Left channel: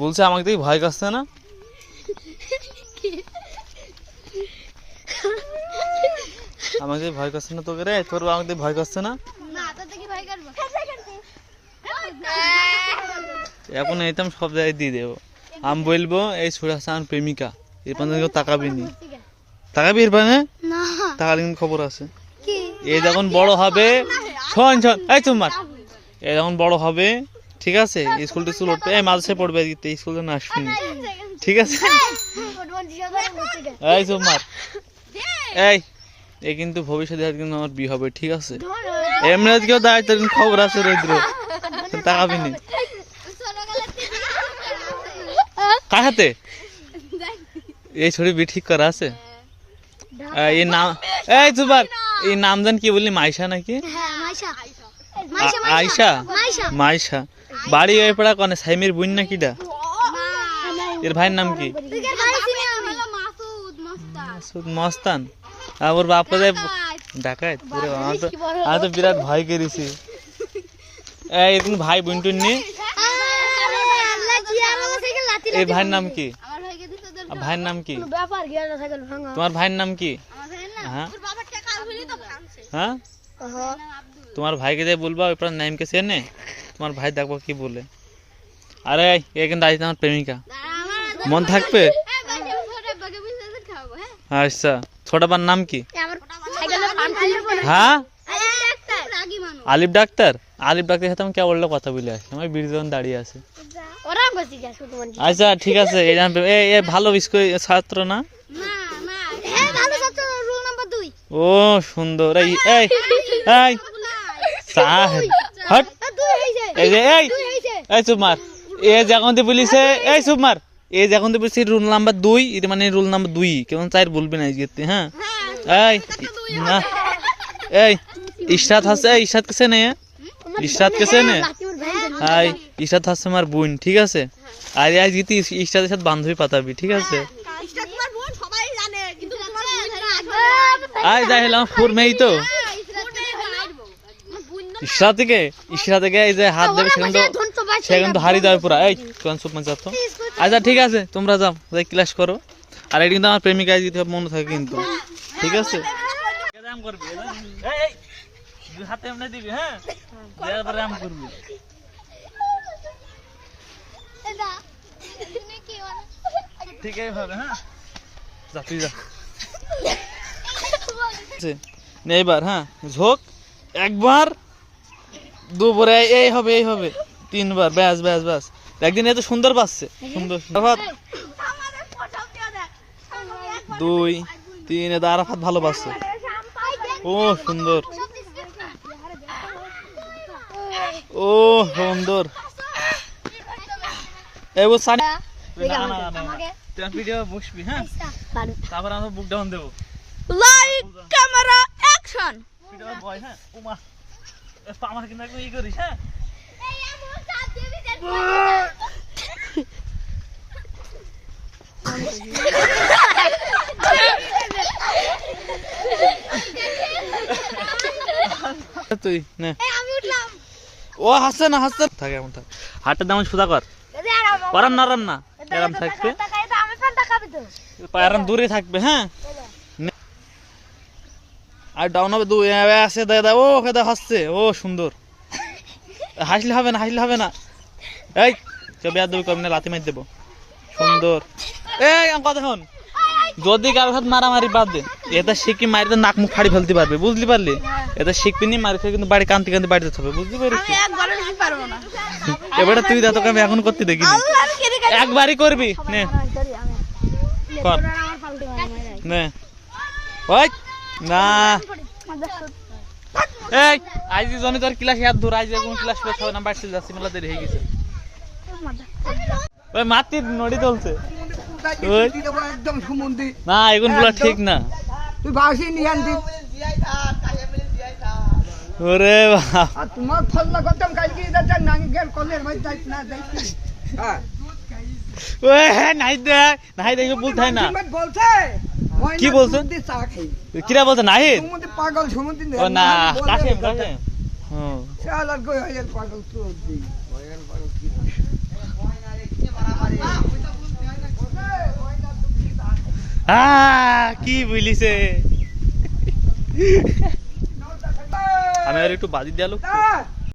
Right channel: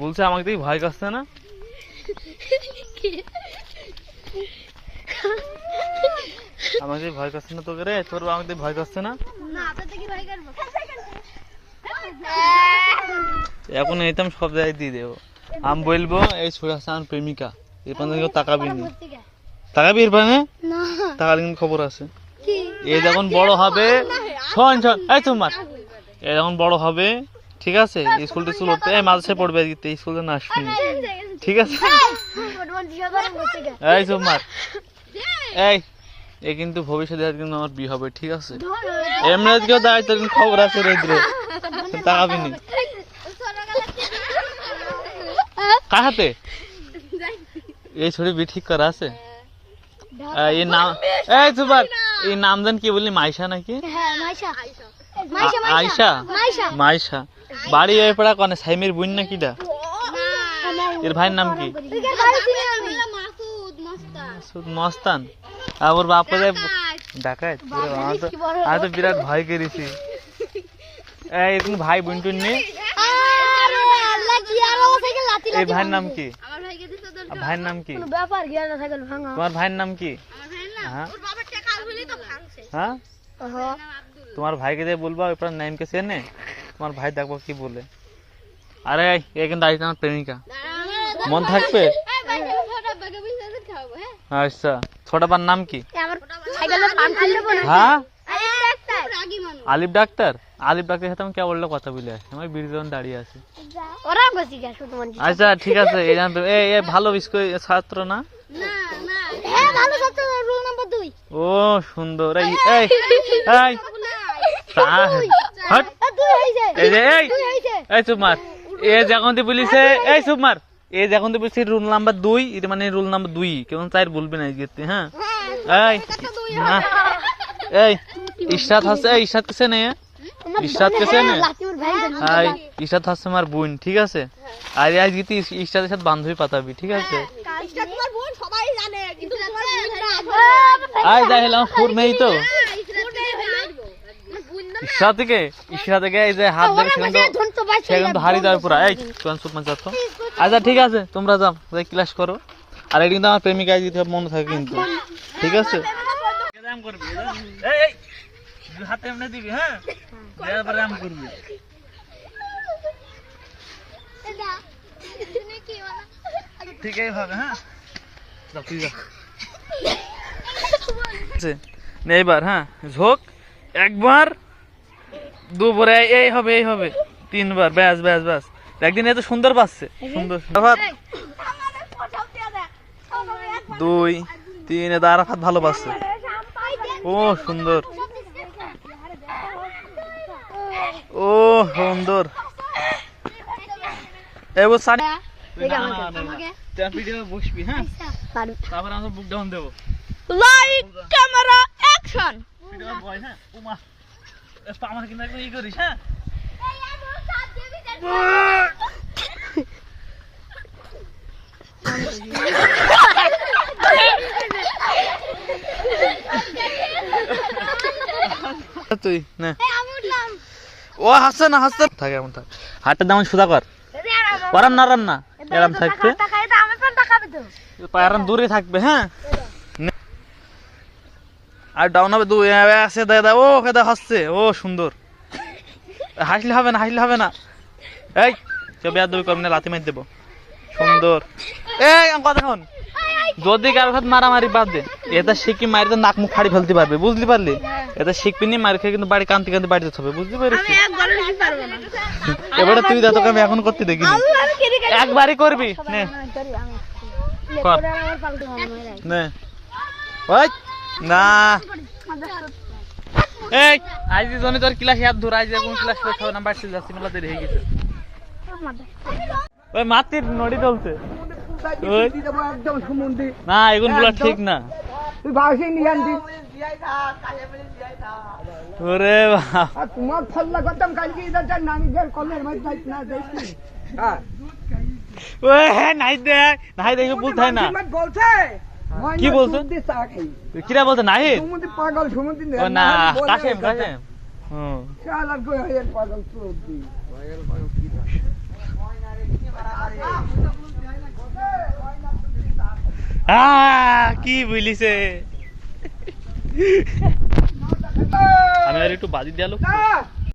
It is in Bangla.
বলছে আমাকে দেখি ভয় করছে না? আমাকে ভয় করছে না তোকে রে? তোর আমাকে ভয় করছে না? এখন এইতাম সব জায়গায় দিয়ে দেবো। আমি বলবো এই সুরা হাসান প্রেমিকা, এর পানে তাকাবি নি। তাকাবি এর পানে? তাকালে কিন্তু খবর আছে। এ যখন বড় হবে, শোন শোন এই তোমার, এ যখন বড় হবে, ঠিক আছে, স্কুল টিস্কুল উঠবে, মাদ্রাসায় পড়বে, স্কুলে না আসবি, ঠিক আছে? এই তোমার এই কিন্তু ভবিষ্যতে কিন্তু আমার বিয়ে হবে, ঠিক আছে? এমনি কেউ দাঁড়ায় তোর খবর আছে রৌদ্র, তাকাবি নি। কার হাতে এই ছড়ি বি ঠিক করা আছে? এই নাম, এই তোমার এই নাম জান কি বললি? মাইশা নাকি? আয়শা? মাইশা। বাড়ি ওই পড়া কনে সাইমের বোন নাকি? ডা এর ভাইয়ের নাম কি? মস্তান। ওর বাপ ডাকাত পুরো। আমি তো বিরাট ভয় করেছি। এরকম ভাই বোন টুন নেই? এই ভাইয়ের নাম কি? ভাইয়ের নাম কি? তোমার ভাইয়ের নাম কি? হ্যাঁ তোমার ভাইকে দিয়ে বলবা ওই নাম কে চেনে? তোমার ভাই দেখবো কি বলে। আরে এ কিন্তু আজ আমার প্রেমিকা, মন থাকবে? আচ্ছা ছোট বার নাম কি? হ্যাঁ আলিফ ডাক্তার। আলিফ ডাক্তার সাথে আমি কে বললো কথা বলে আসি, আমার বীরজন দাঁড়িয়ে আছে। আচ্ছা ঠিক আছে। এই ভালো ছাত্র না? ও সুন্দর। এই এই এই এই চুপমার, এ যখন বলিছে, এই চুপমার, এ যখন বলছে রুল নাম্বার 2, এটা মানে রুল নাম্বার 2, কেমন 4 বলবি না আজকে। হ্যাঁ এই না এই ইশরাত হাসে, ইশরাত কেসে নে? ইশরাত কেসে নে? এই ইশরাত হাসে আমার বোন, ঠিক আছে? আর আজ গীতি ইশরাতের সাথে বান্ধবী পাতাবি, ঠিক আছে? আয় যাই হলাম ফুর নেই তো ইশরা থেকে এই যে হাত দেবে সেখানে তো হারি যাবে পুরা। এই কোন সুপ মা যাতো। আচ্ছা ঠিক আছে তোমরা যাও, যাই ক্লাস করো। আর এটা কিন্তু আমার প্রেমিকা যদি মনে থাকে কিন্তু, ঠিক আছে? রাম করবি, এই এই দুই হাতে এমনি দিবি, হ্যাঁ দেওয়ার পরে রাম করবি। ঠিক এইভাবে, হ্যাঁ যা তুই যা। এইবার হ্যাঁ ঝোঁক, একবার দুপুরে এই হবে, এই হবে 3 বার, ব্যাস ব্যাস ব্যাস। একদিন এত সুন্দর পাচ্ছে, সুন্দর 2 3 আরাফাত ভালো পাচ্ছে। ও সুন্দর, ও সুন্দর। এবার সানি ভিডিও বসবি, হ্যাঁ তারপর আমরা বুক ডাউন দেবো। Like camera action. ভিডিও বয়, হ্যাঁ ওমা আমার কিন্তু ই করিস, হ্যাঁ তুই না ও হাসছে না, হাসছে থাকে এমন থাক। হাতটা দাম সোজা কর, ওরাম নরম না, এরম থাকবে, পায়রাম দূরে থাকবে, হ্যাঁ। আর ডাউন হবে 2 আছে দাদা। ও দাদা হাসছে, ও সুন্দর। হাসলে হবে না, হাসলে হবে না। এই চবে আর 2 কম না, লাথি মার দেবো। সুন্দর। এই কথা শোন, যদি কারোর সাথে মারামারি বাদ দে, এটা শিখি মারিতে নাক মুখ ফাড়ি ফেলতে পারবে, বুঝতে পারলি? এটা শিখবি নি, মারি খেয়ে কিন্তু বাড়ি কান্তি কান্তি বাড়ি যেতে হবে, বুঝতে পারলি? এবারে তুই দা, তোকে আমি এখন করতে দেখিনি, একবারই করবি নে কর নে। ওই না এই আজ জনে তোর ক্লাস ইয়াদ ধর, আজ কোন ক্লাস পেছ না, বাড়ি যাচ্ছে, মেলা দেরি হয়ে গেছে। ওই মাটির নড়ি চলছে একদম সুমন্দি না, এগুলো ঠিক না। তুই বাসি নিয়ে আনবি। ওরে বাবা তোমার ফল্লা করতাম কালকে, এটা নাঙ্গের কলের মাঝে যাইছ না, যাইছি। হ্যাঁ ওই নাই দেখ, নাই দেখে বলতে হয় না। বলছে কি বলছে? চা খাই কিরা বলছে? নাই সুমন্দি পাগল, সুমন্দি না কাশেম কাশেম। হ্যাঁ শালা কই হয় পাগল, তুই পাগল পাগল কি না কি বুঝলিছে আমি আর একটু বাজি দিয়ালো